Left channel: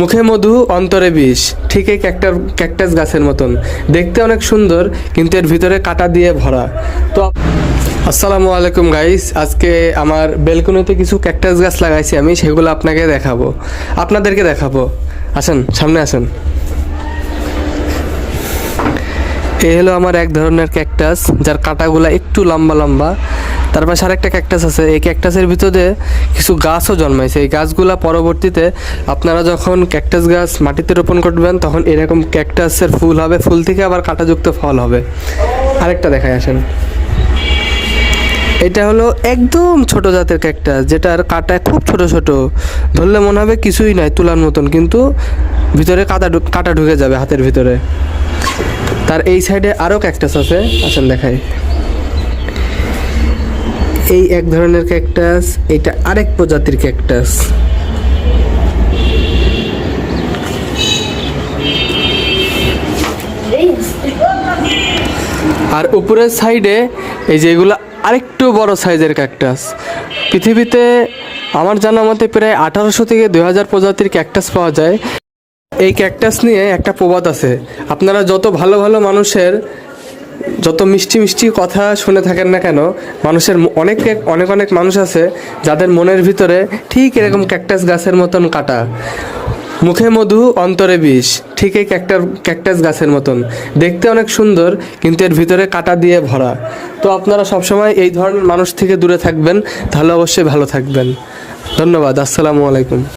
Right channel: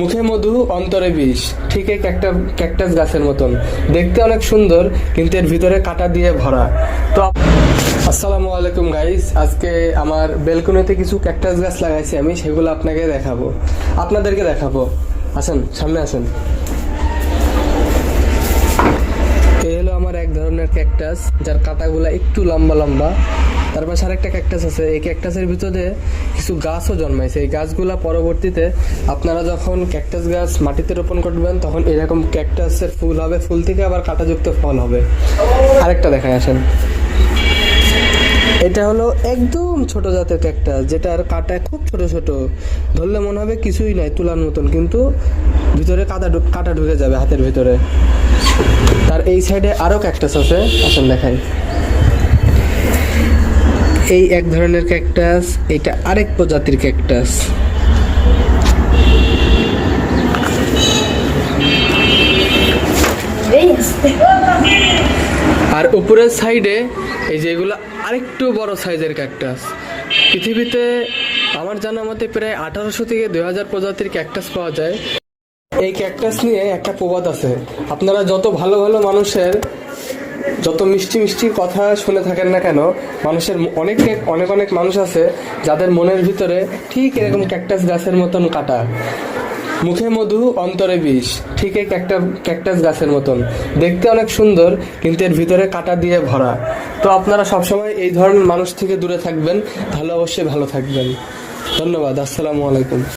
মুখে মধু অন্তরে বিষ, ঠিক এই ক্যাকটাস গাছের মতন দেখতে অনেক সুন্দর, কিন্তু এর ভিতরে কাঁটা দিয়ে ভরা। তো আসসালামু আলাইকুম গাইস, আজকে আমার বেলকনিতে কিছু ক্যাকটাস গাছ লাগাইছি আমি, সেগুলো আপনাদেরকে দেখাবো। আসেন, সামনে আসেন। এই হলো আমার এক ধরনের ক্যাকটাস, যার কাঁটাগুলো একটু লম্বা লম্বা। তার পাশে আরেকটা ক্যাকটাস আছে। এই ক্যাকটাসের ভিতরে কিছু গাছও জন্মাইছে। এই গাছগুলা পরবর্তীতে আপনারা যখন ক্যাকটাস গাছ মাটিতে রোপণ করবেন, তখন এরকম ক্যাকটাসের ফুল হবে, ফুল থেকে আবার কাঁটাযুক্ত ফল হবে। আরেকটা দেখায়, আসেন। এটা হলো একদম ছোট জাতের ক্যাকটাস, যেটার কাঁটা খুব ছোট ছোট, ধরলে মনে হবে কিছুই নয়, তুলার মতন, কিন্তু ভিতরে কাঁটা ঢুকে যাবে হাতের ভিতরে। তার এই সাইডে আরও ক্যাকটাস আছে, আসেন দেখাই। এই এক ধরনের ক্যাকটাস, এটা আরেক প্রজাতির ক্যাকটাস। আর উপরের সাইডে এই যে এগুলো আরেকটু বড় সাইজের ক্যাকটাস। পৃথিবীতে আমার জানা মতে প্রায় 1800 থেকে 2000 প্রজাতির ক্যাকটাস পাওয়া যায়। এই ক্যাকটাস নিয়ে একটা প্রবাদ আছে, আপনারা যত ভালো ভালো মানুষের যত মিষ্টি মিষ্টি কথা শুনে থাকেন না কেন, মানুষের অনেক অনেক মানুষ আছে যাদের মনের ভিতরে ঠিক এরকম ক্যাকটাস গাছের মতন কাঁটা। মুখে মধু অন্তরে বিষ, ঠিক এই ক্যাকটাস গাছের মতন দেখতে অনেক সুন্দর, কিন্তু এর ভিতরে কাঁটা দিয়ে ভরা। তো আপনারা সবসময় এই ধরনের মানুষ থেকে দূরে থাকবেন, তাহলে অবশ্যই ভালো থাকবেন। ধন্যবাদ। আসসালামু আলাইকুম।